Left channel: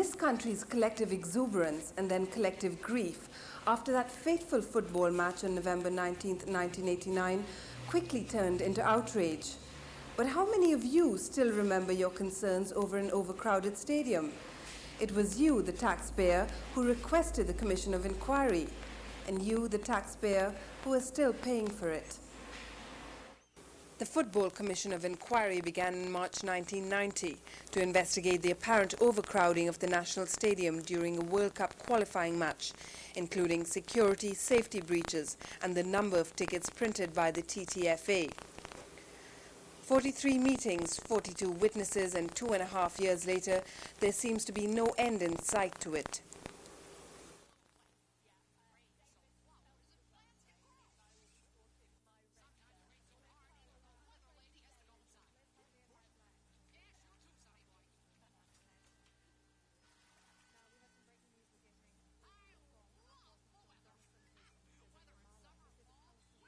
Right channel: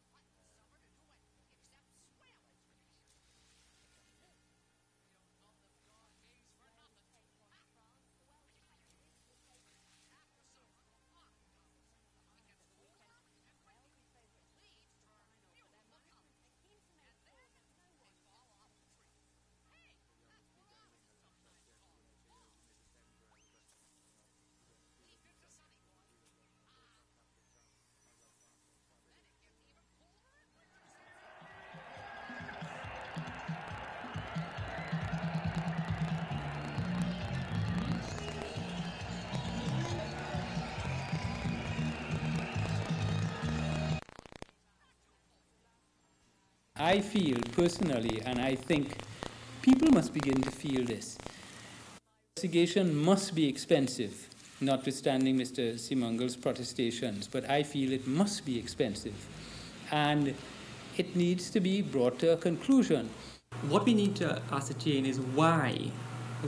This country's collective exuberance and then collective grief after that fateful football match on November 19, 1989, quickly turned into outrage. But how many of you still remember your concerns over an overcrowded stadium? It was you, the taxpayer, who requested the Commission of Inquiry, and you, the taxpayer, who are still paying for it. The Football Commission of Inquiry began in March 1990 to investigate the apparent overcrowding of the National Stadium during a World Cup qualifying match, including security, safety breaches and the number of tickets printed by the TTFA. 43 meetings, 42 witnesses, and 2.5 years later, there seems to be no end in sight to it. I feel personally, and I think people must begin to feel this, investigation must be expensive, notwithstanding Mr. Simangal's protestations, but I feel it must be expensive, and it needs to be brought to a conclusion. What we need to ascertain is why.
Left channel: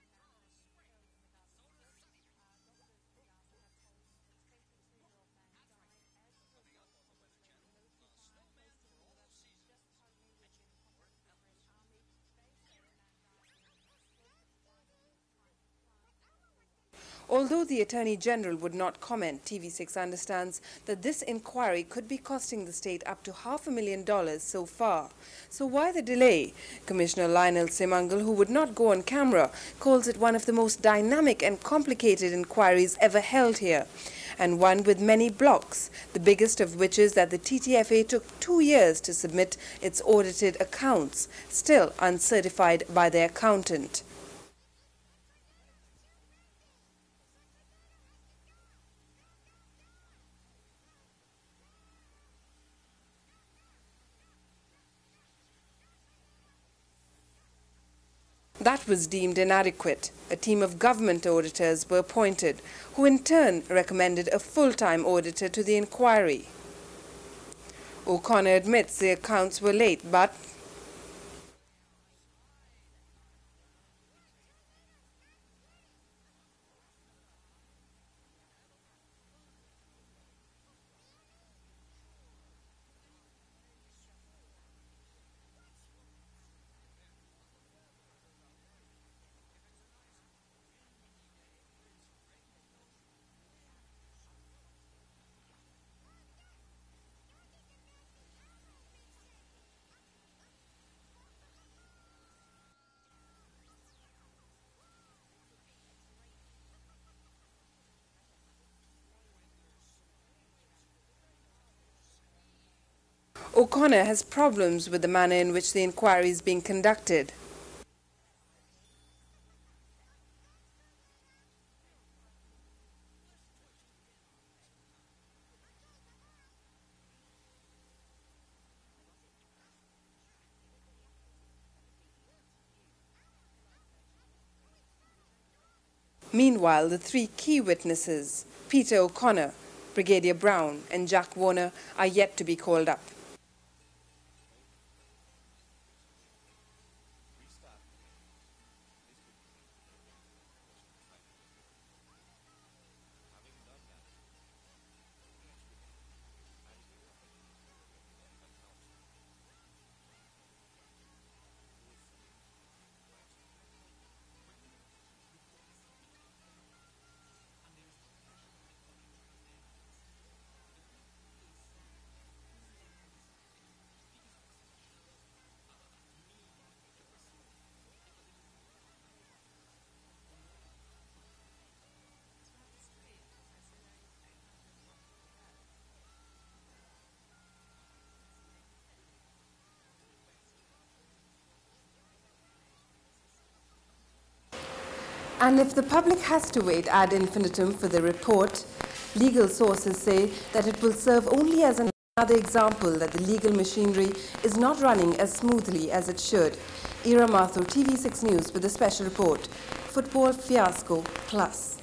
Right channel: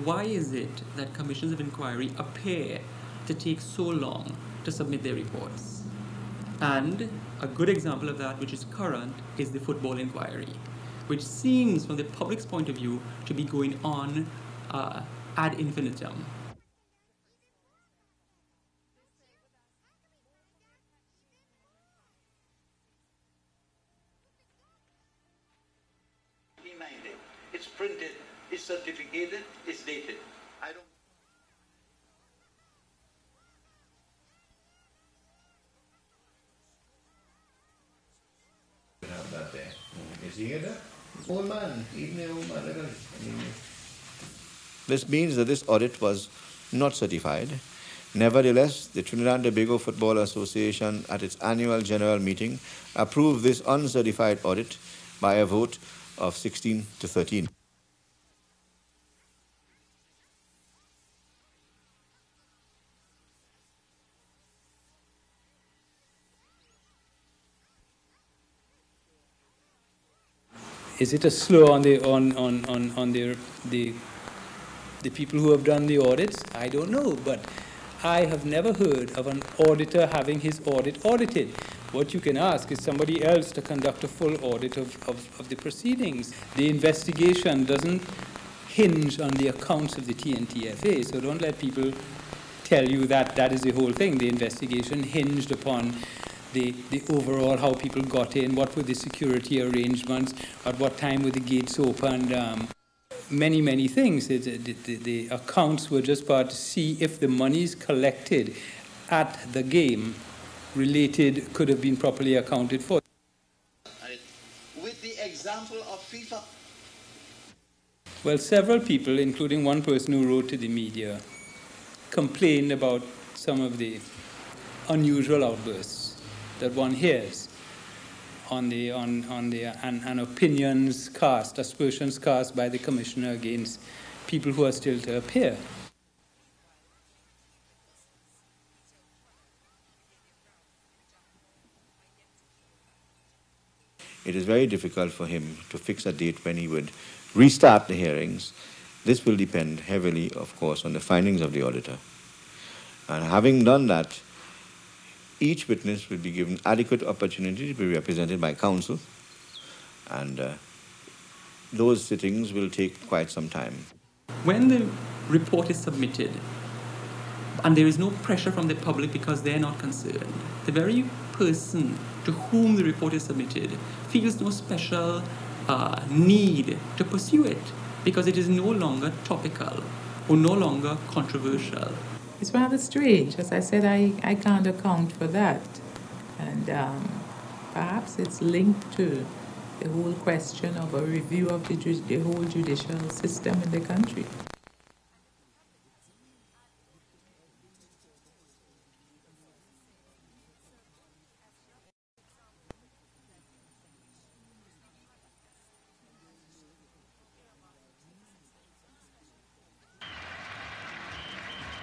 Why is it that commissions of inquiry appear to take so long to submit their reports? And a good example of that, which is current, is the football inquiry, which seems, from the public's point of view, to be going on ad infinitum. Although the Attorney General would not comment, TV6 understands that this inquiry could be costing the state up to $500,000 so far. So why the delay? Commissioner Lionel Simangal, who would not go on camera, calls it one of the most dynamic and complicated inquiries ever held here, and one with many blocks, the biggest of which is that the TTFA took 2 years to submit its audited accounts, still uncertified by their accountant. This means that this audit was not certified. Nevertheless, the Trinidad and Tobago Football Association at its annual general meeting approved this uncertified audit by a vote of 16 to 13. That was deemed inadequate. A team of government auditors were appointed, who in turn recommended a full-time auditor to the inquiry. O'Connor admits the accounts were late, but... Is it a slow on the people who have done the audits? I don't know, but I have never heard of an auditor having his audit audited. What you can ask is somebody else to conduct a full audit of the proceedings. The investigation doesn't hinge on the accounts of the TNTFA, so don't let people tell you that that is the whole thing. The investigation hinged upon the overall, how people got in, what were the security arrangements, at what time were the gates opened, many things. The accounts were just part to see if the monies collected at the game could have been properly accounted for. O'Connor has problems with the manner in which the inquiry is being conducted. Well, several people, including one person who wrote to the media, complained about some of the unusual outbursts that one hears and opinions cast, aspersions cast by the commissioner against people who are still to appear. Meanwhile, the three key witnesses, Peter O'Connor, Brigadier Brown and Jack Warner, are yet to be called up. It is very difficult for him to fix a date when he would restart the hearings. This will depend heavily, of course, on the findings of the auditor. And having done that, each witness will be given adequate opportunity to be represented by counsel, and those sittings will take quite some time. When the report is submitted, and there is no pressure from the public because they're not concerned, the very person to whom the report is submitted feels no special need to pursue it because it is no longer topical or no longer controversial. It's rather strange. As I said, I can't account for that. And perhaps it's linked to the whole question of a review of the whole judicial system in the country. And if the public has to wait ad infinitum for the report, legal sources say that it will serve only as another example that the legal machinery is not running as smoothly as it should. Ira Mathur, TV6 News with a special report. Football Fiasco Plus.